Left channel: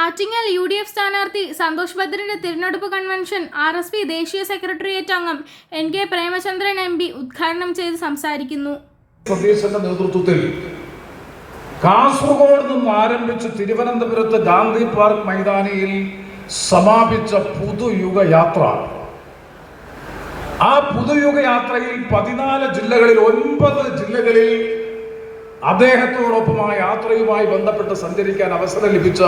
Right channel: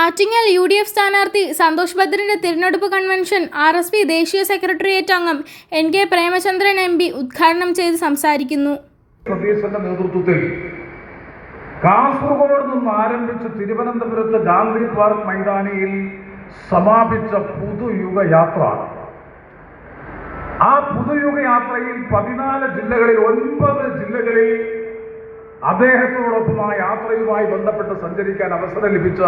Attingal UDF സ്ഥാനാർത്ഥി സന്തോഷ് ഭദ്രന്റെ തിരഞ്ഞെടുപ്പ് convention RSP ദേശീയ സെക്രട്ടേറിയറ്റ് അംഗം NK പ്രേമചന്ദ്രൻ MP ഉദ്ഘാടനം ചെയ്ത് സംസാരിക്കുന്നു. സതീശന്റെ നേതൃത്വത്തിൽ കാസർഗോഡ് നിന്ന് ആരംഭിച്ച് തിരുവനന്തപുരത്ത് ഗാന്ധി പാർക്ക് മൈതാനിയിൽ സമാപിച്ച പുതുയുഗ യാത്ര, ആ പുതുയുഗ യാത്രയിൽ 14 ജില്ലകളിൽ 9 ജില്ലകളിൽ അദ്ദേഹത്തോടൊപ്പം ആ യാത്രയുമായി ബന്ധപ്പെട്ട് സഞ്ചരിക്കാൻ അവസരം ലഭിച്ച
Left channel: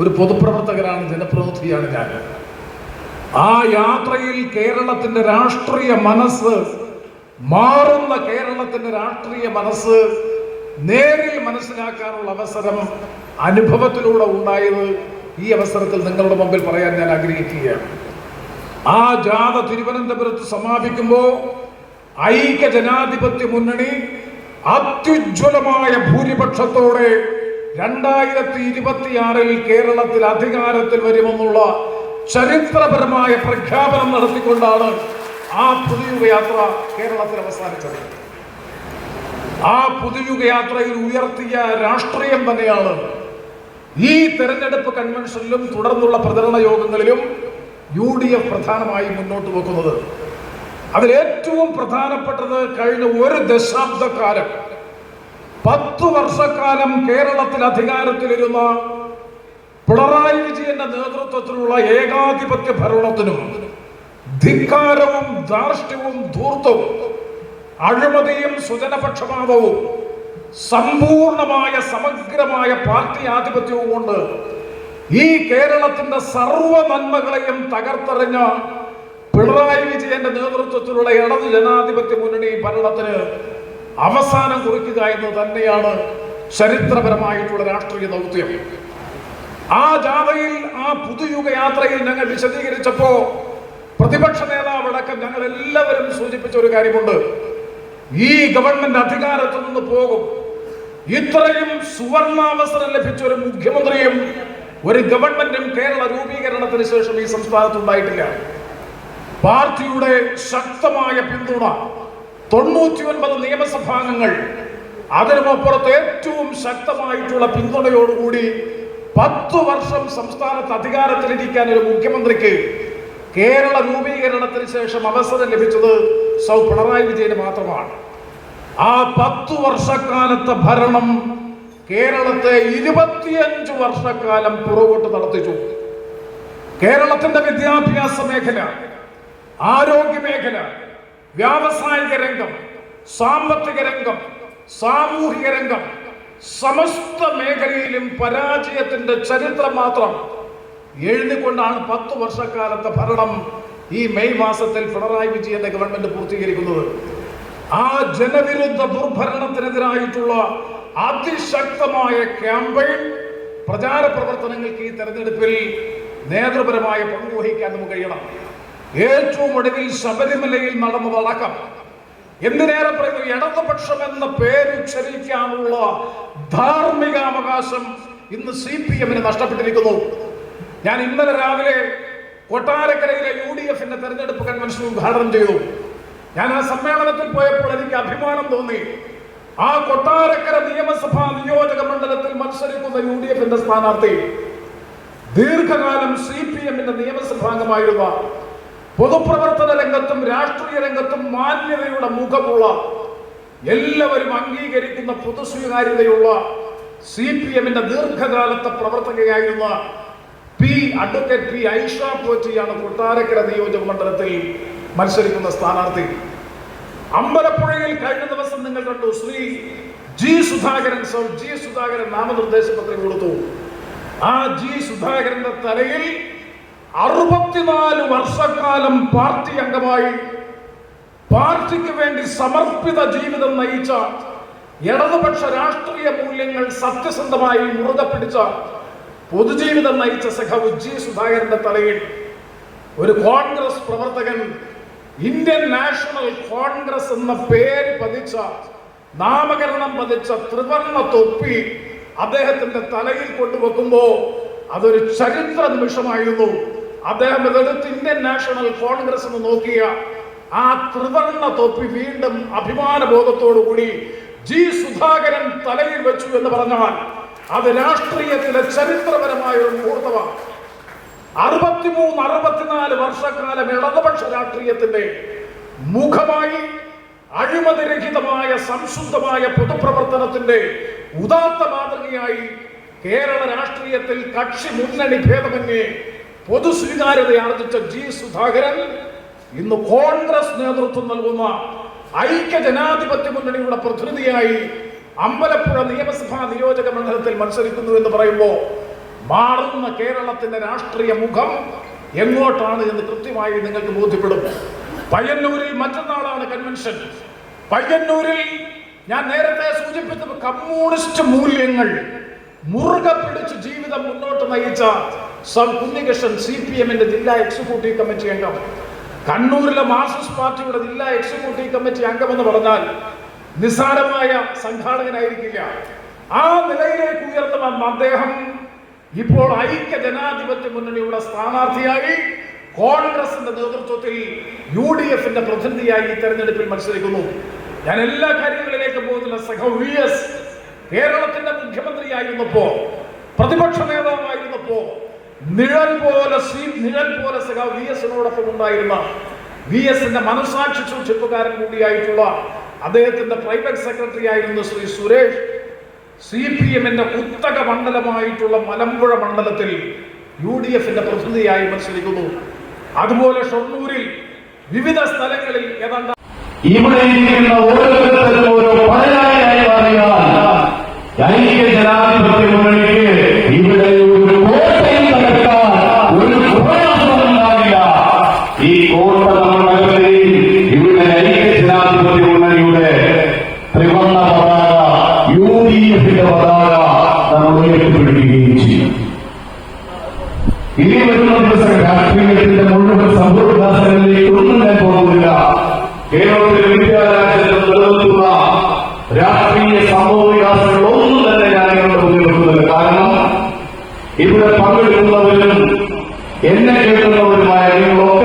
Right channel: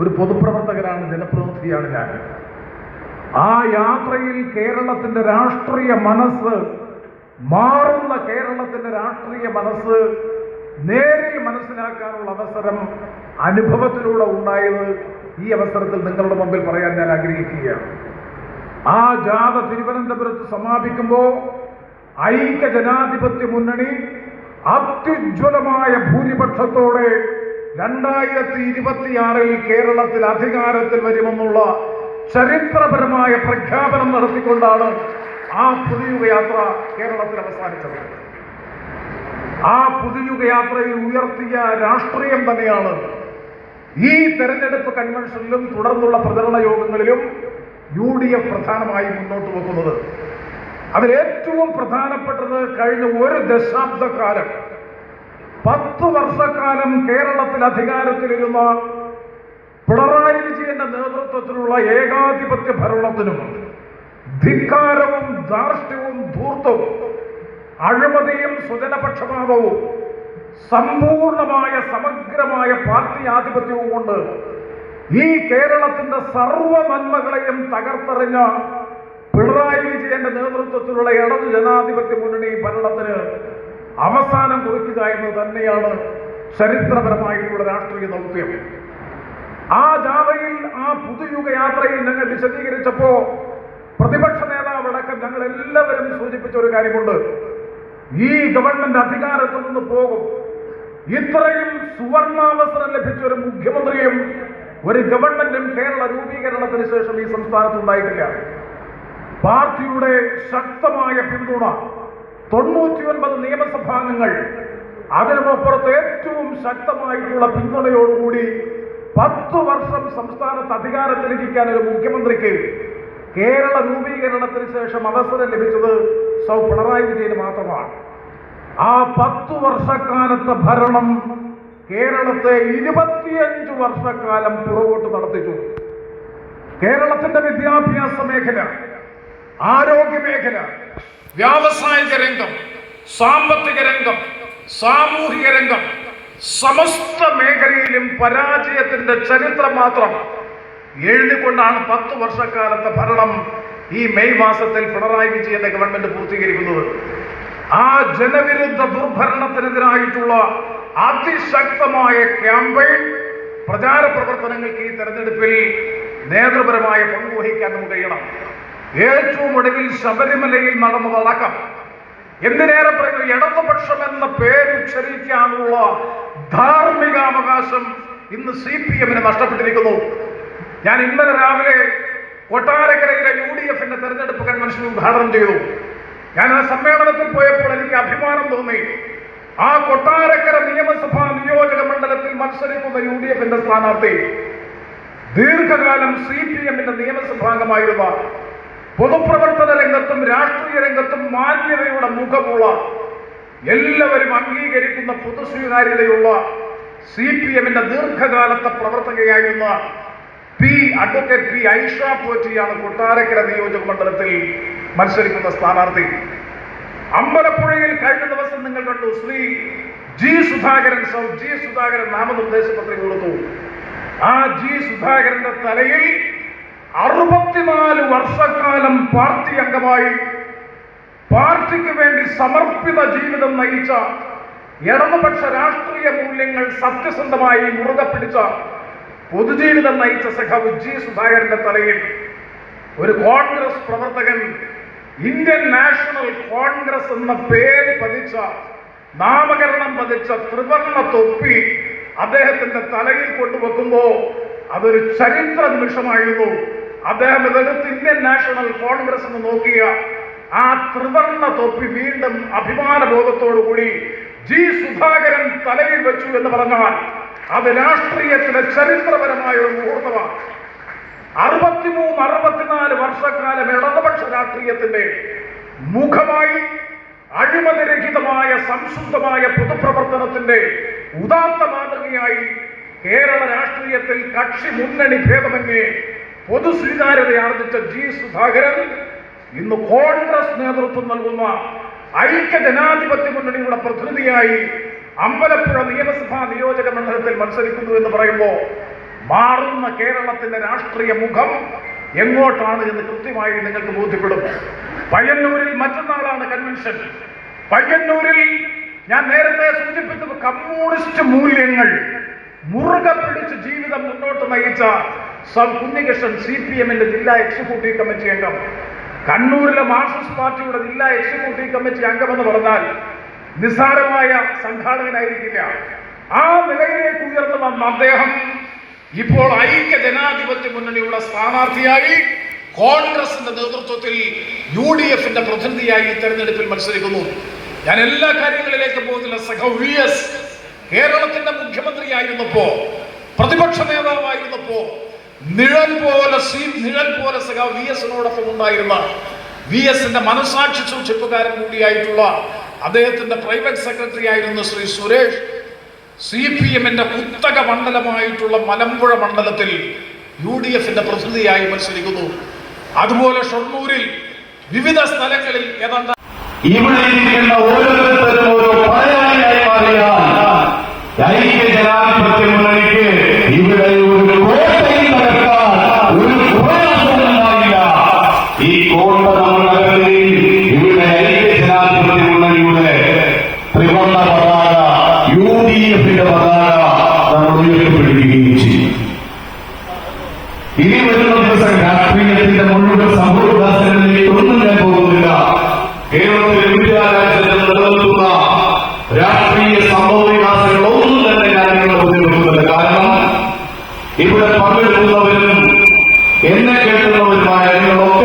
ഒരു പൊതുപ്രവർത്തകനാണ്, ജനപ്രതിനിധിയാണ് ഞാൻ. ആ യാത്രയിൽ കേരളത്തിന്റെ രാഷ്ട്രീയ മനസ്സ്, മാറുന്ന കേരളത്തിന്റെ രാഷ്ട്രീയ മനസ്സ് നേരിൽ മനസ്സിലാക്കാനുള്ള അവസരം അനുഭവത്തിലൂടെ ഉണ്ടായത് ഈ അവസരത്തിൽ നിങ്ങളുടെ മുമ്പിൽ പറയാൻ ഞാൻ ആഗ്രഹിക്കുകയാണ്. ആ ജാഥ തിരുവനന്തപുരത്ത് സമാപിക്കുമ്പോൾ ഐക്യ ജനാധിപത്യ മുന്നണി അത്യുജ്വലമായ ഭൂരിപക്ഷത്തോടെ 2026 കേരളത്തിൽ അധികാരത്തിൽ വരുമെന്നുള്ള ചരിത്രപരമായ പ്രഖ്യാപനം നടത്തിക്കൊണ്ടാണ് ആ പുതുയുഗ യാത്ര കേരളത്തിൽ അവസാനിച്ചത്. ആ പുതുയുഗ യാത്രയിൽ ഉയർത്തിയ രാഷ്ട്രീയം തന്നെയാണ് ഈ തെരഞ്ഞെടുപ്പ് കൺവെൻഷനിലും തുടർന്നുള്ള പ്രചരണ യോഗങ്ങളിലും UDF പ്രധാനമായി മുന്നോട്ട് വെക്കുന്നത്. അതിലേറ്റവും പ്രധാനപ്പെട്ടത് കഴിഞ്ഞ ഒരു ദശാബ്ദക്കാലം 10 വർഷക്കാലം കേരളത്തിൽ അധികാരത്തിലിരുന്ന പിണറായി വിജയന്റെ നേതൃത്വത്തിലുള്ള ഏകാധിപത്യ ഭരണത്തിനും ധിക്കാരവും ധാർഷ്ട്യവും ധൂർത്തവും അഴിമതിയും സ്വജനപക്ഷപാതവും സമ്പൂർണമായ സമഗ്രമായ പാർട്ടി ആധിപത്യവും കൊണ്ട് ഈ കേരളത്തിന്റെ സർവ്വ നന്മകളെയും തകർത്തെറിഞ്ഞ പിണറായി വിജയന്റെ നേതൃത്വത്തിലുള്ള ഇടതു ജനാധിപത്യ മുന്നണി ഭരണത്തിന് അവസാനം കുറിക്കുക എന്ന് തന്നെയാണ് ചരിത്രപരമായിട്ടുള്ള രാഷ്ട്രീയ ദൗത്യം. ആ ജാഥയിൽ, ആ പുതുയുഗ യാത്രയിൽ ഞങ്ങൾ വിശദീകരിച്ചപ്പോ പ്രതിപക്ഷ നേതാവടക്കം ഞങ്ങൾ എല്ലാവരും സൂചിപ്പിച്ച ഒരു കാര്യമുണ്ട്: ഈ ഗവൺമെന്റ് അധികാരത്തിൽ നിന്ന് പോകും. ഇത്രയും സുവർണാവസരം ലഭിച്ച ഒരു മുഖ്യമന്ത്രിയും ഒരു ഗവൺമെന്റും കേരള രൂപീകരണത്തിന് ശേഷം ഈ സംസ്ഥാനത്ത് ഉണ്ടായിട്ടില്ല. പാർട്ടിയുടെ ശക്തമായ പിന്തുണ, 99 നിയമസഭാംഗങ്ങൾ, അതിനുമപ്പുറത്ത് ഏറ്റവും ശക്തമായിട്ടുള്ള പിന്തുണയോടുകൂടി 10 വർഷം സംസ്ഥാനത്ത് അധികാരത്തിലിരിക്കാൻ ഒരു മുഖ്യമന്ത്രിക്ക് കേരള രൂപീകരണത്തിന് ശേഷം അവസരം ലഭിച്ചത് പിണറായി വിജയന് മാത്രമാണ്. ആ 10 വർഷക്കാലത്തെ ഭരണം കേരളത്തെ 25 വർഷക്കാലം പുറകോട്ട് നടത്തിച്ചു. കേരളത്തിന്റെ വിദ്യാഭ്യാസ മേഖല, ആരോഗ്യ മേഖല, വ്യാവസായിക രംഗം, സാമ്പത്തിക രംഗം, സാമൂഹിക രംഗം, സമസ്ത മേഖലയിലും പരാജയത്തിന്റെ ചരിത്രം മാത്രം എഴുതിക്കൊണ്ടാണ് 10 വർഷക്കാലത്തെ ഭരണം ഈ മെയ് മാസത്തിൽ പിണറായി വിജയന്റെ ഗവൺമെന്റ് പൂർത്തീകരിക്കുന്നത്. ആ ജനവിരുദ്ധ ദുർഭരണത്തിനെതിരായിട്ടുള്ള അതിശക്തമായ ക്യാമ്പയിൻ പ്രചാര പ്രവർത്തനങ്ങൾക്ക് ഈ തെരഞ്ഞെടുപ്പിൽ നേതൃപരമായ പങ്കുവഹിക്കാൻ നമുക്ക് കഴിയണം. ഏറ്റവും ഒടുവിൽ ശബരിമലയിൽ നടന്നതടക്കം, എന്തിനേറെ പറയുന്നത്, ഇടതുപക്ഷം എന്ന പേരുച്ചരിക്കാനുള്ള ധാർമ്മികാവകാശം ഇന്ന് CPM-ന് നഷ്ടപ്പെട്ടിരിക്കുന്നു. ഞാൻ ഇന്നലെ രാവിലെ കൊട്ടാരക്കരയിലെ UDF-ന്റെ തെരഞ്ഞെടുപ്പ് കൺവെൻഷൻ ഉദ്ഘാടനം ചെയ്തു. ഞാൻ ആ സമ്മേളനത്തിൽ പോയപ്പോൾ എനിക്ക് അഭിമാനം തോന്നി. ആ കൊട്ടാരക്കര നിയമസഭാ നിയോജക മണ്ഡലത്തിൽ മത്സരിക്കുന്ന UDF-ന്റെ സ്ഥാനാർത്ഥി ദീർഘകാലം CPM-ന്റെ നിയമസഭാംഗമായിരുന്ന, പൊതുപ്രവർത്തന രംഗത്തും രാഷ്ട്രീയ രംഗത്തും മാന്യതയുടെ മുഖമുള്ള, എല്ലാവരും അംഗീകരിക്കുന്ന പൊതുസ്വീകാര്യതയുള്ള CPM-ന്റെ ദീർഘകാലത്തെ പ്രവർത്തകയായിരുന്ന അഡ്വക്കേറ്റ് P. ഐഷ പോറ്റിയാണ് കൊട്ടാരക്കര നിയോജക മണ്ഡലത്തിൽ മത്സരിക്കുന്ന സ്ഥാനാർത്ഥി. അമ്പലപ്പുഴയിൽ കഴിഞ്ഞ ദിവസം നിങ്ങൾ കണ്ടു, ശ്രീ G. സുധാകരൻ നാമനിർദ്ദേശ പത്രിക കൊടുത്തു. ആ G. സുധാകരന്റെ തലയിൽ 64 വർഷക്കാലം പാർട്ടി അംഗമായി പാർട്ടിക്ക് വേണ്ടി സമർപ്പിത ജീവിതം നയിച്ച, ഇടതുപക്ഷ രാഷ്ട്രീയ മൂല്യങ്ങൾ സത്യസന്ധമായി മുറുകെ പിടിച്ച, പൊതുജീവിതം നയിച്ച സഖാവ് G. സുധാകരന്റെ തലയിൽ ഒരു കോൺഗ്രസ് പ്രവർത്തകൻ ഇന്ത്യൻ നാഷണൽ കോൺഗ്രസ് എന്ന പേര് പതിച്ച, നാമകരണം പതിച്ച ത്രിവർണ്ണ തൊപ്പി അദ്ദേഹത്തിന്റെ തലയിൽ കൊണ്ടുവെക്കുമ്പോ അതൊരു ചരിത്ര നിമിഷമായിരുന്നു. അദ്ദേഹം ഇതെടുത്ത് ഇന്ത്യൻ നാഷണൽ കോൺഗ്രസ് എന്ന് നോക്കിയ ആ ത്രിവർണ്ണ തൊപ്പി വീണ്ടും അഭിമാന ബോധത്തോടുകൂടി G. സുധാകരൻ തലയിൽ വെച്ചു എന്ന് പറഞ്ഞാൽ അത് രാഷ്ട്രീയത്തിലെ ചരിത്രപരമായ ഒരു മുഹൂർത്തമാണ്. 63-64 വർഷക്കാലം ഇടതുപക്ഷ രാഷ്ട്രീയത്തിന്റെ മുഖമായി അഴിമതിരഹിതമായ സംശുദ്ധമായ പൊതുപ്രവർത്തനത്തിന്റെ ഉദാത്ത മാതൃകയായി കേരള രാഷ്ട്രീയത്തിൽ കക്ഷി മുന്നണി ഭേദമന്യേ പൊതുസ്വീകാര്യത ആർജിച്ച ജി സുധാകരൻ ഇന്ന് കോൺഗ്രസ് നേതൃത്വം നൽകുന്ന ഐക്യ ജനാധിപത്യ മുന്നണിയുടെ പ്രതിനിധിയായി അമ്പലപ്പുഴ നിയമസഭാ നിയോജക മണ്ഡലത്തിൽ മത്സരിക്കുന്നു എന്ന് പറയുമ്പോൾ മാറുന്ന കേരളത്തിന്റെ രാഷ്ട്രീയ മുഖം എങ്ങോട്ടാണ് എന്ന് കൃത്യമായി നിങ്ങൾക്ക് ബോധ്യപ്പെടും. പയ്യന്നൂരിൽ മറ്റന്നാളാണ് കൺവെൻഷൻ. പയ്യന്നൂരിൽ ഞാൻ നേരത്തെ സൂചിപ്പിച്ച കമ്മ്യൂണിസ്റ്റ് മൂല്യങ്ങൾ മുറുകെ പിടിച്ച് ജീവിതം മുന്നോട്ട് നയിച്ച കുഞ്ഞികൃഷ്ണൻ CPM-ന്റെ ജില്ലാ എക്സിക്യൂട്ടീവ് കമ്മിറ്റി അംഗം, കണ്ണൂരിലെ മാർക്സിസ്റ്റ് പാർട്ടിയുടെ ജില്ലാ എക്സിക്യൂട്ടീവ് കമ്മിറ്റി അംഗമെന്ന് പറഞ്ഞാൽ നിസ്സാരമായ സംഘാടകനായിരിക്കില്ല. ആ നിലയിലേക്ക് ഉയർന്നു വന്ന അദ്ദേഹം ഇപ്പോൾ ഐക്യ ജനാധിപത്യ മുന്നണിയുള്ള സ്ഥാനാർത്ഥിയായി കോൺഗ്രസിന്റെ നേതൃത്വത്തിൽ UDF-ന്റെ പ്രതിനിധിയായി തെരഞ്ഞെടുപ്പിൽ മത്സരിക്കുന്നു. ഞാൻ എല്ലാ കാര്യങ്ങളിലേക്കും പോകുന്നില്ല. സഖാവ് VS കേരളത്തിന്റെ മുഖ്യമന്ത്രിയായിരുന്നപ്പോ, പ്രതിപക്ഷ നേതാവായിരുന്നപ്പോ നിഴൽ പോലെ സഖാവ് VS-നോടൊപ്പം ഉണ്ടായിരുന്ന VS-ന്റെ മനസാക്ഷി സൂക്ഷിപ്പുകാരൻ കൂടിയായിട്ടുള്ള അദ്ദേഹത്തിന്റെ പ്രൈവറ്റ് സെക്രട്ടറി ആയിരുന്ന ശ്രീ സുരേഷ് CPM-ന്റെ കുത്തക മണ്ഡലമായിട്ടുള്ള മലമ്പുഴ മണ്ഡലത്തിൽ UDF-ന്റെ പ്രതിനിധിയായി മത്സരിക്കുന്നു. അതുപോലെ ഷൊർണൂരിൽ വിവിധ സ്ഥലങ്ങളിൽ ഏതാണ്ട് ഇവിടെ ഇരിക്കുന്ന ഓരോരുത്തരും ഓരോ പറയാനായി മാറിയാൽ ഐക്യ ജനാധിപത്യ മുന്നണിക്ക് ഇവിടെ ഒരു കോട്ടയിൽ നടക്കാൻ ഒരു ഉണ്ടായില്ല. ഈ കോട്ട മണ്ഡലങ്ങളിൽ ഇവിടെ ഐക്യ ജനാധിപത്യ മുന്നണിയുടെ ത്രിവർണ്ണ പതാക UDF-ന്റെ പതാക നമ്മൾ ഉയർത്തിപ്പിടിക്കുകയും ചെയ്യും. ഇനി വരുന്ന ദിവസം രാഷ്ട്രീയത്തിന്റെ മുഴുവൻ സംഭവവികാസങ്ങളിലേക്ക് ഒന്നും ഞാൻ പോകുന്നില്ല. കേരളത്തിലെ വിദ്യാലയത്തിൽ നിലനിൽക്കുന്ന രാഷ്ട്രീയ സംഭവവികാസങ്ങളൊന്നും തന്നെ ഞാൻ നിങ്ങളുടെ ഉപയോഗിക്കുന്നത്. കാരണം ഇവിടെ പങ്കെടുക്കുന്നവരും എന്നെ കേൾക്കുന്നവരുമായ നിങ്ങളൊക്കെ